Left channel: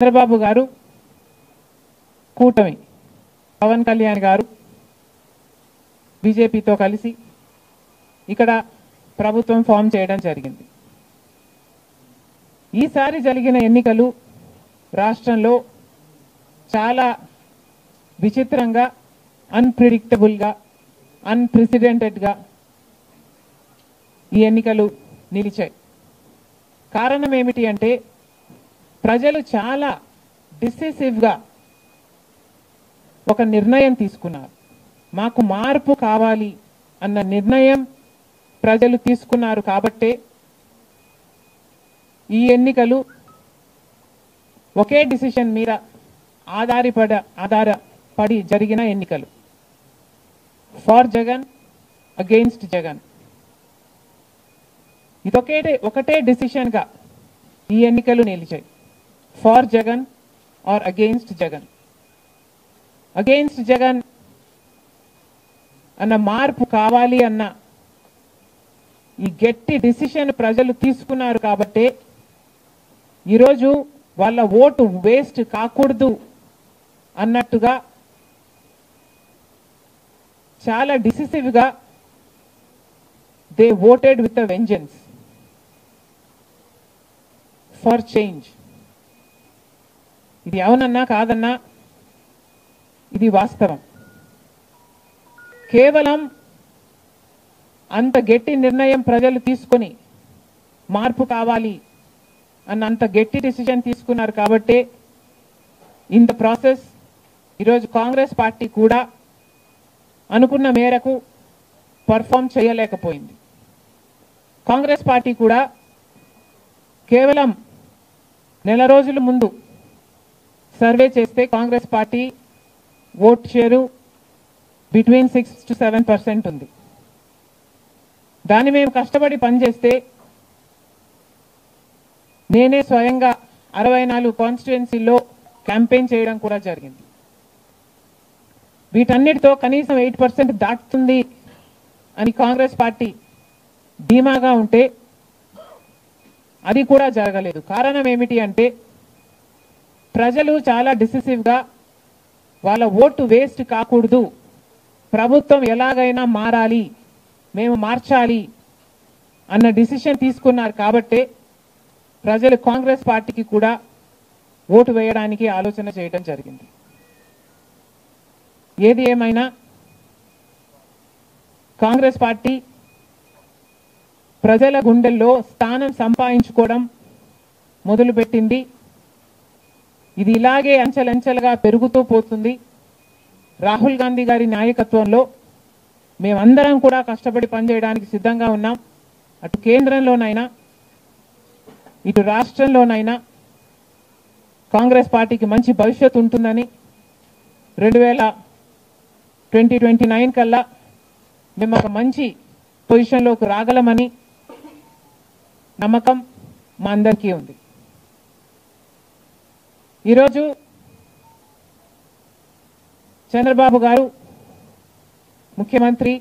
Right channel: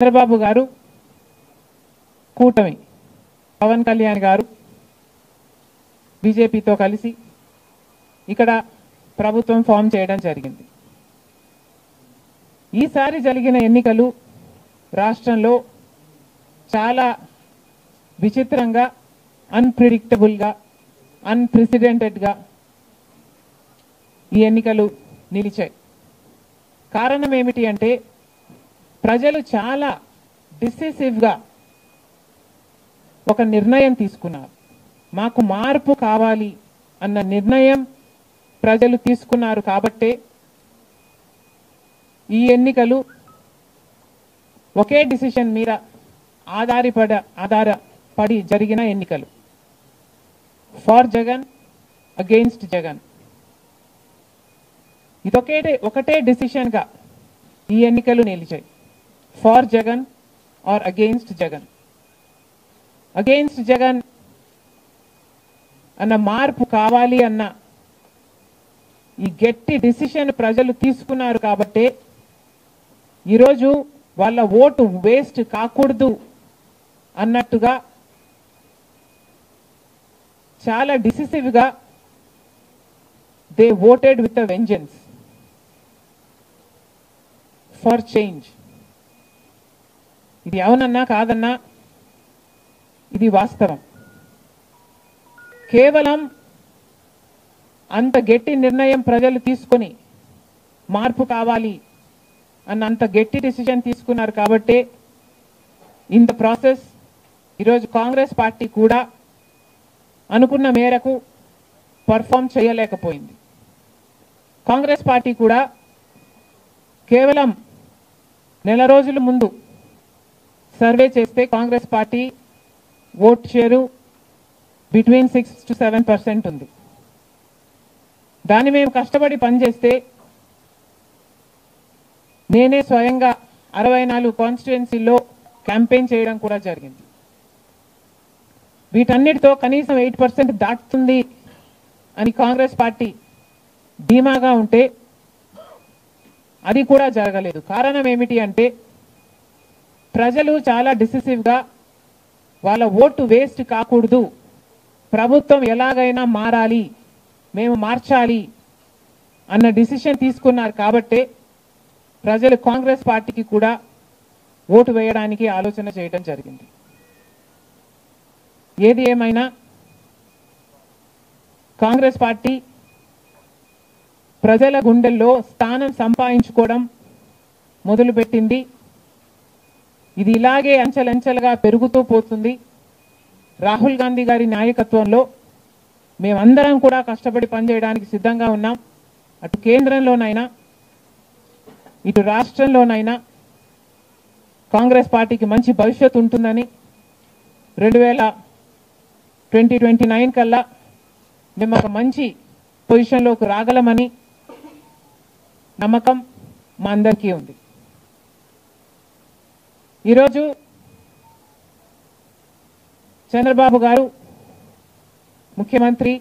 చంద్రబాబు గారు కూటమి పవన్ కళ్యాణ్ గారు బీజేపీతో కలిసి ఇక్కడ ప్రభుత్వం ఫామ్ చేయడం జరిగింది. ఈసారి జరిగిన ఎన్నికలు రాష్ట్రంలో చాలా విచిత్రంగా, అన్ప్రెడిక్టబుల్ గా, అన్ప్రెసిడెంటెడ్ గా ఈ ఎన్నికలు నిలిచాయి. కారణం ఏమిటి అంటే ప్రజలు చాలా డిసిసివ్ గా ఒక నిర్ణయం తీసుకున్నారు. మాకు మార్పు కావాలి అన్న నిర్ణయం ప్రజలు తీసుకున్నారు కాబట్టే ఈ ఎన్నికలు ఒకే డిసిషన్ మీద ఆధారపడి జరిగిన ఎన్నికలు. For Jagan, against Jagan. ఒకటే డిసిషన్ గా ఈ ఎన్నికలు నిలిచాయి. For Jagan or against Jagan. Against Jagan అన్న మార్పు కావాలి అన్న ఈ గట్టి డిసిషన్ ప్రజలు తీసుకున్నారు కాబట్టి ఈరోజు వాళ్ళ ఓటు వేస్ట్ కాకూడదు అన్నట్టుగా చాలా డిసిసివ్ గా they voted with a vengeance for change. ఇది అవునన్నా కాదన్నా ఇది వాస్తవం. కేవలం అంత గట్టి నిర్ణయం ప్రజలు తీసుకుని మార్పు కావాలి అన్న అంత గట్టి డిసిజన్ తీసుకున్నారు కాబట్టి ఇన్ ద ప్రాసెస్ ఈరోజు కాంగ్రెస్ పార్టీ కూడా అనుకున్న మేరకు పర్ఫామ్ చేయలేకపోయింది. కాంగ్రెస్ పార్టీ కూడా కేవలం నెల రోజుల ముందు సర్వే చేస్తే Congress party vote share between 6 to 7% ఉంది. దాన్ని మేము కష్టపడి పనిచేస్తే నేనే స్వయంగా 64 కాన్స్టిట్యుయెన్సీల్లో క్యాంపెయిన్ చేయడం కూడా జరిగింది. వీటన్నిటితో కనీసం 8% దాటుతుంది అని కాంగ్రెస్ పార్టీ ధీమాగా ఉంటే అది కూడా జరగలేదు. కారణం ఏమిటి అంటే ప్రజలు చాలా డిసిసివ్ గా వాళ్ళ ఓటు వేస్ట్ కాకూడదు, ప్రభుత్వం ఎలాగైనా మారాలి, మేము మార్చాలి అన్న డిసిషన్ తీసుకున్నారు కాబట్టి ప్రజలు కాంగ్రెస్ పార్టీకి కూడా ఓటు వేయడానికి ఆలోచన చేయడం జరిగింది. ఏది ఏమైనా కాంగ్రెస్ పార్టీ ప్రజల గుండెల్లో స్థానం సంపాదించుకోవడం మొదలుపెట్టింది. ఇది ఇలాగే అంచెలంచెలుగా పెరుగుతూ పోతుంది. రాహుల్ గాంధీ గారి నాయకత్వంలో మేమందరం కూడా కష్టపడి పనిచేయడానికి సిద్ధంగా ఉన్నాం. అటు కేంద్రంలోనైనా ఇటు రాష్ట్రంలోనైనా కాంగ్రెస్ పార్టీకి మంచి భవిష్యత్తు ఉంటుందని 2029 కల్లా మేము ఒక మంచి పొజిషన్లోకి రాగలమని నమ్మకం మా అందరికీ ఉంది. ఈరోజు చంద్రబాబు గారు ముఖ్యమంత్రి,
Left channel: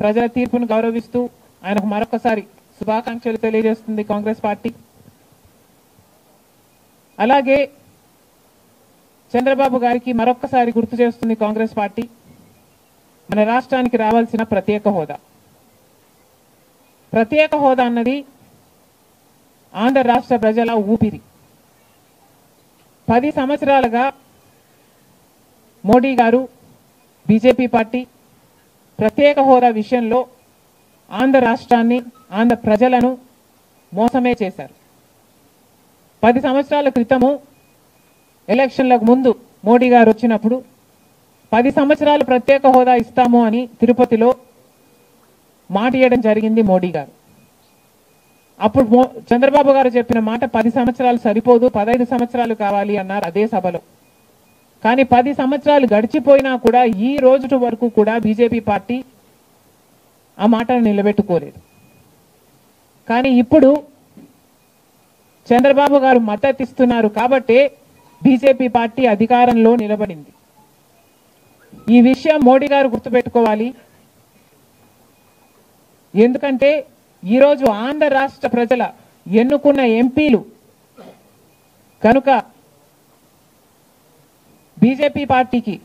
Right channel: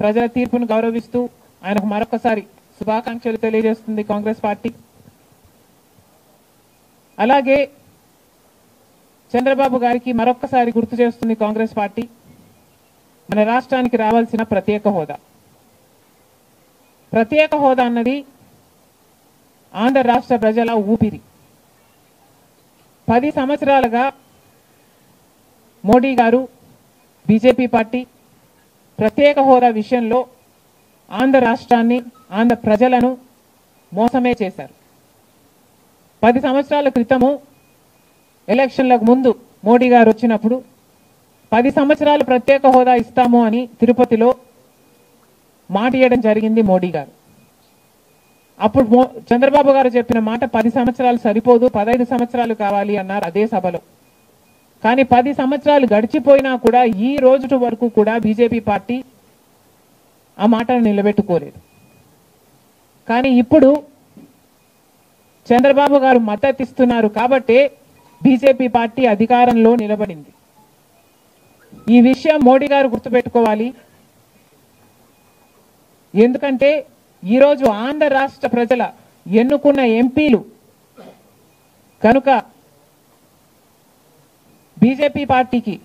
ప్రజల తీర్పును గౌరవిస్తూ ఆయనకు మరొకసారి శుభాకాంక్షలు తెలియజేస్తుంది కాంగ్రెస్ పార్టీ. అలాగే చంద్రబాబు గారికి మరొకసారి గుర్తు చేస్తుంది కాంగ్రెస్ పార్టీ మన రాష్ట్రానికి రావాల్సిన ప్రత్యేక హోదా. ప్రత్యేక హోదా అన్నది ఆంధ్ర రాష్ట్ర ప్రజల ఊపిరి. 10 సంవత్సరాలుగా మోడీ గారు, బీజేపీ పార్టీ ప్రత్యేక హోదా విషయంలో ఆంధ్ర రాష్ట్రాన్ని, ఆంధ్ర ప్రజలను మోసమే చేశారు. 10 సంవత్సరాల క్రితము ఎలక్షన్లకు ముందు మోడీ గారు వచ్చినప్పుడు 10 సంవత్సరాలు ప్రత్యేక హోదా ఇస్తాము అని తిరుపతిలో మాట ఇవ్వడం జరిగింది మోడీ గారు. అప్పుడు చంద్రబాబు గారు చెప్పిన మాట 10 సంవత్సరాలు సరిపోదు, 15 సంవత్సరాలు కావాలి అన్నారు అదే సభలో. కానీ 10 సంవత్సరాలు గడిచిపోయినా కూడా ఈ రోజు వరకు కూడా బీజేపీ పార్టీ ఆ మాటను నిలబెట్టుకోలేదు. కానీ ఇప్పుడు చంద్రబాబు గారు మద్దతు ఇస్తున్నారు కాబట్టి బీజేపీ పార్టీ అధికారంలో నిలబడింది. ఈ విషయం మోడీ గారు గుర్తుపెట్టుకోవాలి. ఎందుకంటే ఈరోజు ఆంధ్ర రాష్ట్ర ప్రజల ఎన్నుకున్న ఎంపీలు కనుక బీజేపీ పార్టీకి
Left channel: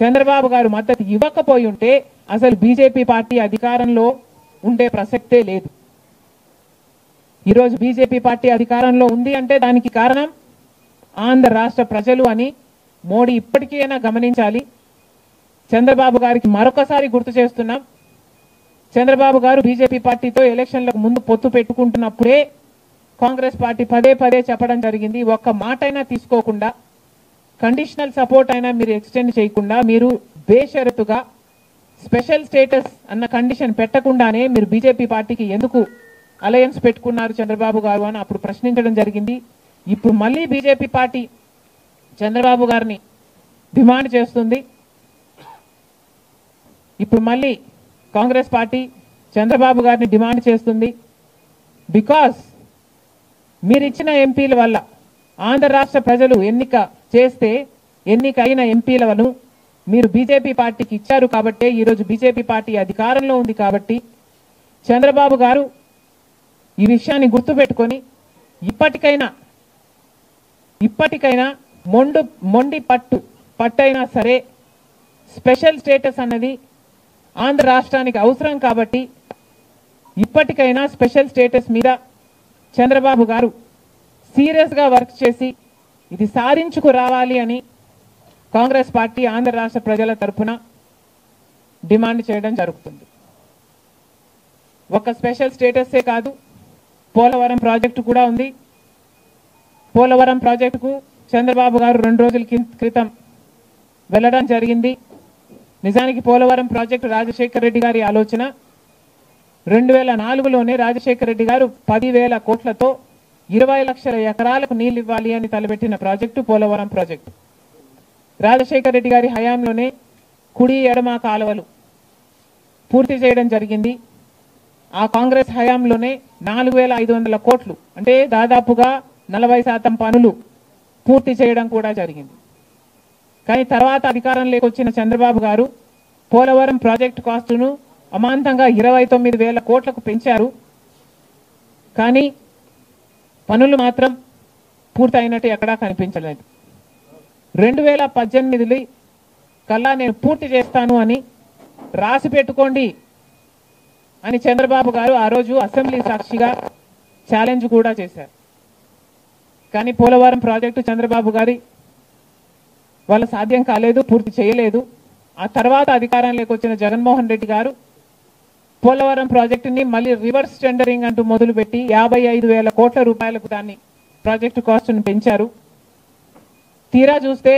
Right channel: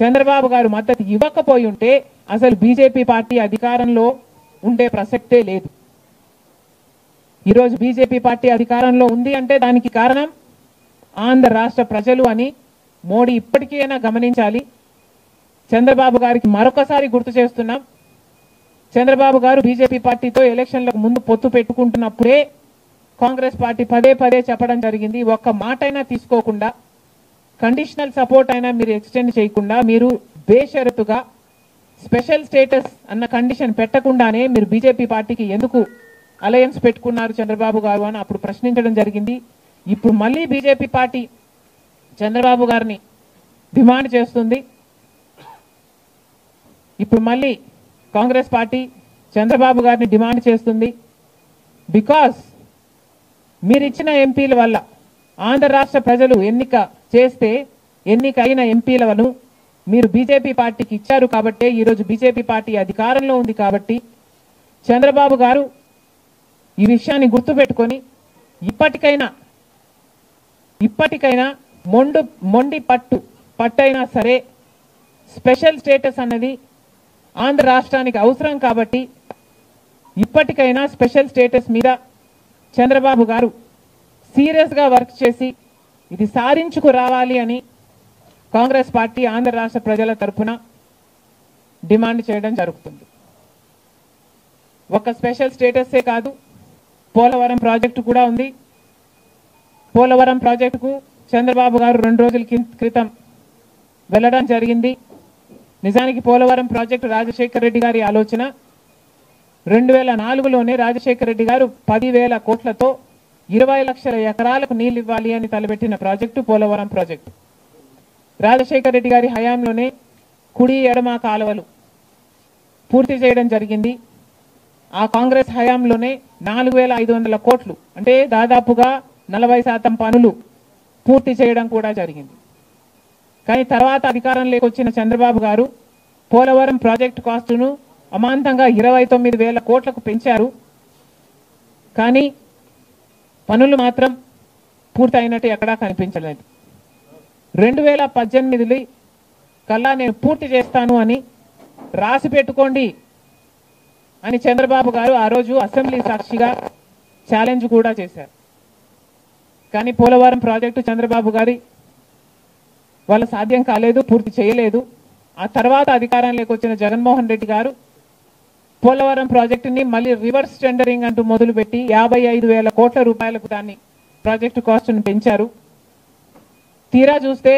చంద్రబాబు గారు మద్దతు ఇవ్వకపోయి ఉంటే అసలు బీజేపీ పార్టీ అధికారంలో ఉండే ప్రసక్తే లేదు. ఈరోజు బీజేపీ పార్టీ అధికారంలో ఉంది అంటే దానికి కారణం ఆంధ్ర రాష్ట్ర ప్రజలు అని మోడీ ఇప్పటికైనా గమనించాలి. చంద్రబాబు గారికి మరొకసారి గుర్తు చేస్తున్నాం, చంద్రబాబు గారు బీజేపీ పార్టీతో ఎలక్షన్లకు ముందు పొత్తు పెట్టుకుంటున్నప్పుడే కాంగ్రెస్ పార్టీ పదే పదే చెప్పడం జరిగింది, ఒక్క మాట అయినా తీసుకోకుండా, కండిషనల్ సపోర్ట్ అయినా మీరు ఎక్స్టెండ్ చేయకుండా, మీరు బేషరతుగా స్పెషల్ స్టేటస్ అన్న కండిషన్ పెట్టకుండానే మీరు బీజేపీ పార్టీకి ఎందుకు అలయన్స్ పెట్టుకున్నారు చంద్రబాబు గారు అని అప్పుడు ప్రశ్నించడం జరిగింది. ఇప్పుడు మళ్ళీ బీజేపీ పార్టీ చంద్రబాబు గారిని డిమాండ్ చేస్తుంది. ఇప్పుడు మళ్ళీ కాంగ్రెస్ పార్టీ చంద్రబాబు గారిని డిమాండ్ చేస్తుంది. బికాస్ మీరిచ్చిన ఎంపీల వల్ల ఆంధ్ర రాష్ట్ర ప్రజలు ఎన్నికైన ఎంపీలను మీరు బీజేపీ పార్టీకి ఇచ్చారు కాబట్టి, ఈరోజు బీజేపీ పార్టీ అధికారంలో ఉంది కాబట్టి చంద్రబాబు గారు ఈ విషయాన్ని గుర్తుపెట్టుకొని ఇప్పటికైనా మొండి పట్టైనా సరే స్పెషల్ స్టేటస్ అన్నది ఆంధ్ర రాష్ట్రానికి అవసరం కాబట్టి ఇప్పటికైనా స్పెషల్ స్టేటస్ మీద చంద్రబాబు గారు సీరియస్ గా వర్క్ చేసి ఇది సాధించుకు రావాలి అని కాంగ్రెస్ పార్టీ ఆంధ్ర రాష్ట్ర ప్రజల తరఫున డిమాండ్ చేయడం జరుగుతుంది. ఒక స్పెషల్ స్టేటసే కాదు, పోలవరం ప్రాజెక్టు కూడా ఉంది. పోలవరం ప్రాజెక్టుకు చంద్రబాబు గారు 2 రోజుల క్రితం వెళ్లడం జరిగింది. నిజానికి పోలవరం ప్రాజెక్టు రాజశేఖర రెడ్డి గారి ఆలోచన. 2004లోనే రాజశేఖర రెడ్డి గారు 10,000 కోట్లతో 20 లక్షల ఎకరాలకు నీళ్లు ఇవ్వాలి అని తలపెట్టిన ప్రాజెక్టు పోలవరం ప్రాజెక్టు. రాజశేఖర రెడ్డి గారి హయాంలోనే కుడి ఎడమ కాలువలు పూర్తి చేయడం జరిగింది. ఆ కాంగ్రెస్ హయాంలోనే 4,500 కోట్లు అంటే దాదాపుగా 40% పనులు పూర్తి చేయడం కూడా జరిగింది. కానీ తర్వాత అధికారంలోకి వచ్చిన చంద్రబాబు గారు పోలవరం ప్రాజెక్టు కాస్టును అమాంతంగా 29,000 కోట్లకు పెంచారు. కానీ పనులు మాత్రం పూర్తయినట్టు ఎక్కడా కనిపించలేదు. 2018 కల్లా నేను పూర్తి చేస్తాను అని రాసి పెట్టుకోండి అని చంద్రబాబు గారు ఆ రోజు అసెంబ్లీ సాక్షిగా ఛాలెంజ్ కూడా చేశారు. కానీ పోలవరం ప్రాజెక్టు చంద్రబాబు గారి వాళ్ళ సాధ్యం కాలేదు, పూర్తి చేయలేదు. ఆ తర్వాత అధికారంలోకి వచ్చిన జగన్మోహన్ రెడ్డి గారు పోలవరం ప్రాజెక్టుని మళ్ళీ రివర్స్ టెండరింగ్ అంటూ మొదలుపెట్టి 55,000 కోట్ల రూపాయలకు దాన్ని ప్రాజెక్టు కాస్టును పెంచారు. తీరా చూస్తే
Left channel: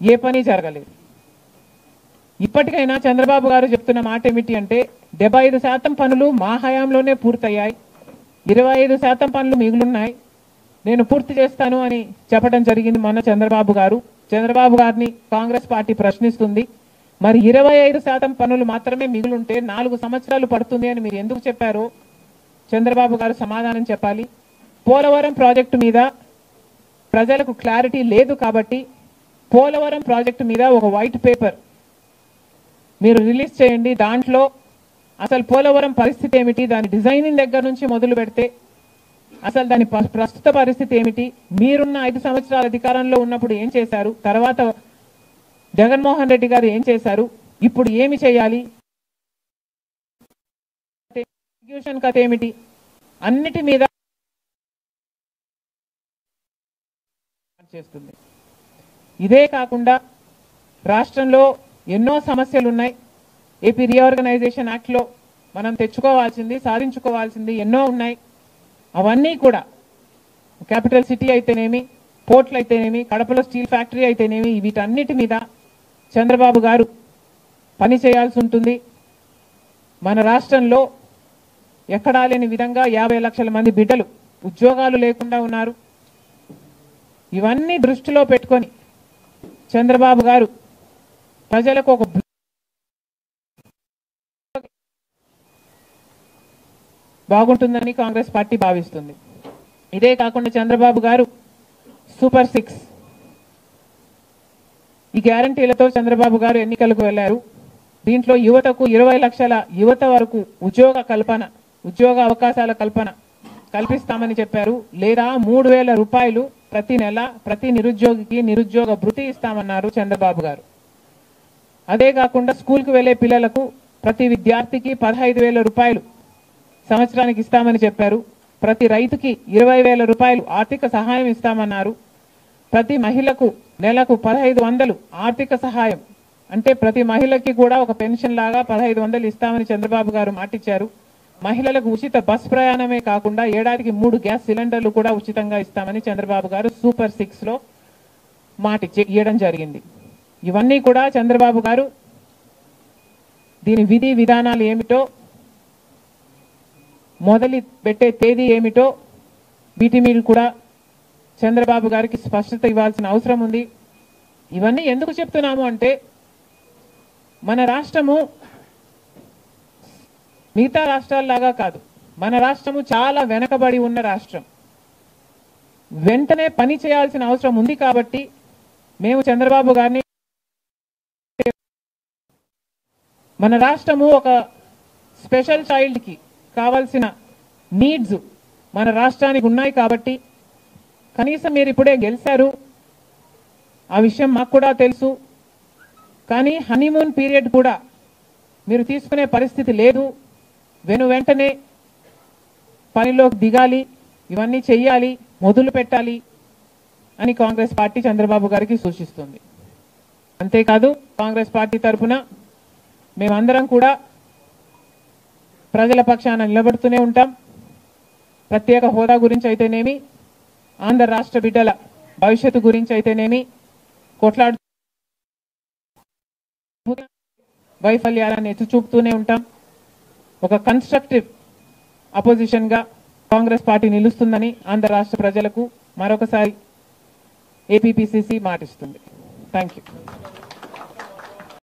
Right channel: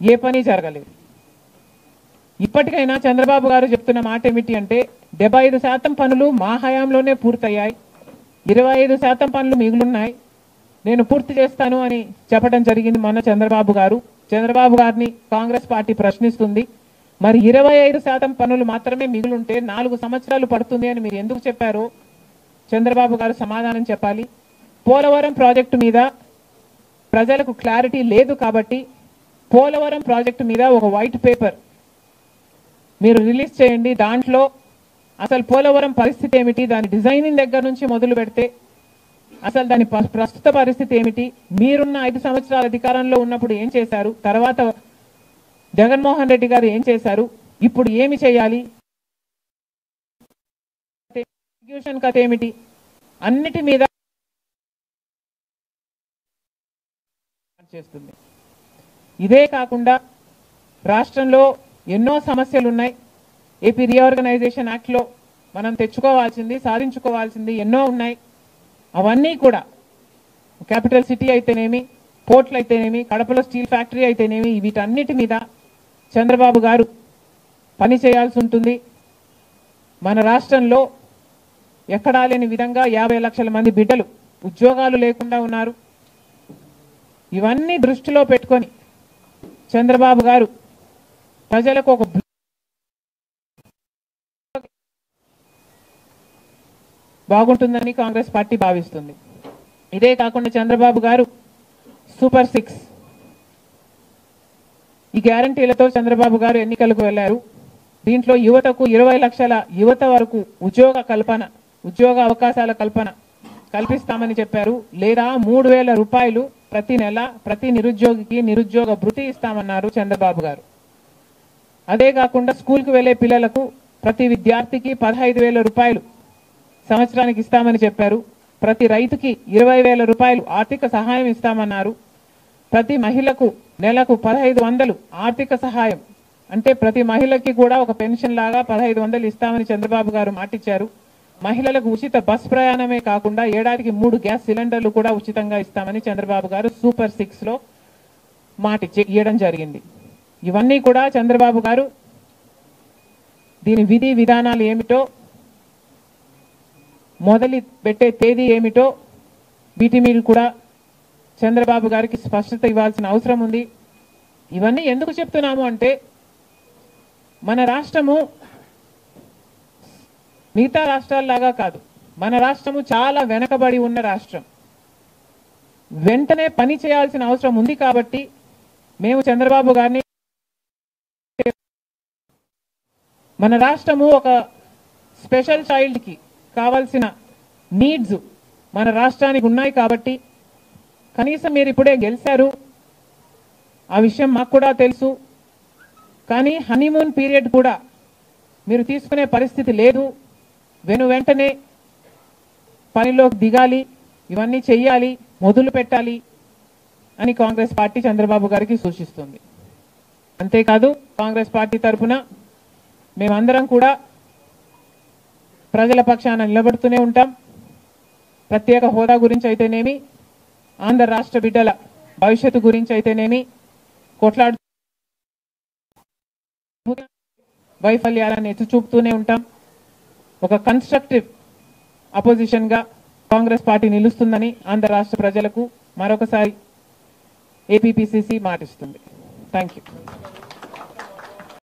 ఏ పని జరగలేదు. ఇప్పటికైనా చంద్రబాబు గారు చెప్తున్న మాట ఏమిటి అంటే 75% పనులు మా హయాంలోనే పూర్తయ్యాయి, 25% పనులు మిగులున్నాయి, నేను పూర్తి చేస్తాను అని చెప్పడం జరిగింది మొన్న చంద్రబాబు గారు. చంద్రబాబు గారిని కాంగ్రెస్ పార్టీ ప్రశ్నిస్తుంది, మరి 25% పనులు మాత్రమే మిగులుంటే 4 సంవత్సరాలు పడుతుంది అని మీరు ఎందుకు చెప్పారో చంద్రబాబు గారు సమాధానం చెప్పాలి. పోలవరం ప్రాజెక్టు మీద ప్రజలకు క్లారిటీ లేదు కాబట్టి పోలవరం ప్రాజెక్టు మీద ఒక వైట్ పేపర్ మీరు రిలీజ్ చేయండి. దాంట్లో అసలు పోలవరం పరిస్థితి ఏమిటి, దాని డిజైనింగ్ దగ్గర నుంచి మొదలు పెడితే అసలు దాని ప్రస్తుత పరిస్థితి ఏమిటి, మీరున్న 5 సంవత్సరాల అధికారంలో ఉన్నప్పుడు ఏం చేశారు, తర్వాత జగన్మోహన్ రెడ్డి గారు ఏం చేశారు, ఇప్పుడు ఏమి చేయాలి, ఎగ్జిక్యూషన్ కథ ఏమిటి, అన్నిటి మీద చేస్తుంది. ఇదే కాకుండా రాష్ట్రంలో ఎన్నో సమస్యలు ఉన్నాయి. ఏపీ రీఆర్గనైజేషన్ యాక్ట్ లో మనం తెచ్చుకోవాల్సింది, సాధించుకోవాల్సింది ఎన్నో ఉన్నాయి. అవన్నీ కూడా క్యాపిటల్ సిటీ అయితేనేమి, పోర్ట్లు అయితేనేమి, కడపలో స్టీల్ ఫ్యాక్టరీ అయితేనేమి, వీటన్నిటి మీద చంద్రబాబు గారు పని చేయాల్సి ఉంటుంది. మన రాష్ట్రంలో ఎక్కడా లేని విధంగా 50 లక్షల మంది బిడ్డలు ఉద్యోగాలు లేకుండా ఉన్నారు. ఇవన్నీ దృష్టిలో పెట్టుకొని చంద్రబాబు గారు ప్రజలకు ఒక బాగుంటుందని కాంగ్రెస్ పార్టీ భావిస్తుంది. ఇదే కాకుండా చంద్రబాబు గారు సూపర్ 6 ఈ గ్యారంటీలతో చంద్రబాబు గారు ఎన్నికలకు వెళ్లారు. దీంట్లో యువతకు 20 లక్షల యువత వరకు ఉద్యోగ అవకాశాల కల్పన కల్పిస్తామని చెప్పారు. లేదా 3,000 రూపాయలు ప్రతి నెల ప్రతి నిరుద్యోగికి నిరుద్యోగ భృతి ఇస్తామన్నారు చంద్రబాబు గారు. అదే కాకుండా స్కూల్కు వెళ్లే పిల్లలకు ప్రతి విద్యార్థికి 15,000 రూపాయలు సంవత్సరానికి ఇస్తామని చెప్పారు. ప్రతి రైతుకి 20,000 రూపాయలు ఆర్థిక సహాయం ఇస్తామన్నారు. ప్రతి మహిళకు నెలకు 1,500 ఆర్థిక సహాయం, అంటే ప్రతి మహిళకి కూడా ఒక పెన్షన్ లాగా 1,500 ఇస్తామని చంద్రబాబు గారు మాటిచ్చారు. మహిళలకు ఉచిత బస్ ప్రయాణమే కాకుండా ఏడాదికి 3 గ్యాస్ సిలిండర్లు కూడా ఉచితంగా ఇస్తామని చంద్రబాబు గారు సూపర్ 6 లో ఇవ్వడం జరిగింది. ఇవన్నీ కూడా చంద్రబాబు గారు దీని విధి విధానాలు ఏమిటో, మొదలు పెట్టే తేదీ ఏమిటో వీటి మీద కూడా చంద్రబాబు గారికి స్పష్టత ఇవ్వాల్సిన అవసరం ఉంది. ఇవన్నీ ఎందుకు చెప్తున్నాము అంటే, మన రాష్ట్రము మిగతా రాష్ట్రాల్లాగా కాదు. మన రాష్ట్రము చాలా వెనకబడి ఉన్న రాష్ట్రం. వెంటనే పని చేయాల్సిన అవసరం ఉంది కాబట్టి మేము చంద్రబాబు గారిని, మన రాష్ట్రము ఒక స్పెషల్ చైల్డ్ కి కావాల్సిన నీడ్స్ మన రాష్ట్రానికి ఉన్నాయి కాబట్టి, కనీసం మీరు ఇప్పుడే గెలిచారు, ఆ విషయం మాకు కూడా తెలుసు. కానీ హనీమూన్ పీరియడ్ కూడా మీరు తీసుకునే పరిస్థితి లేదు. వెంటనే పనిలోకి దిగాలి, ఇవన్నీ చెయ్యాలి, మొదలు పెట్టాలి అని కాంగ్రెస్ పార్టీ చంద్రబాబు గారికి సూచిస్తుంది. అంతేకాదు కాంగ్రెస్ పార్టీ తరఫున మేమందరం కూడా ప్రజల పక్షాన నిలబడుతూనే ఉంటాం. ప్రత్యేక హోదా గురించి అయితేనేమి, ఆంధ్ర రాష్ట్ర బిడ్డల భవిష్యత్తు గురించి అయితేనేమి కొట్లాడు వైఫల్యాలను ఎత్తి చూపుతూనే ఉంటాం. ఒక కన్స్ట్రక్టివ్ అపోజిషన్ గా కాంగ్రెస్ పార్టీ నిలుస్తుందని ఆంధ్ర రాష్ట్ర ప్రజలకు మరొకసారి ఏపీపీసీసీ మాటిస్తుంది. Thank you.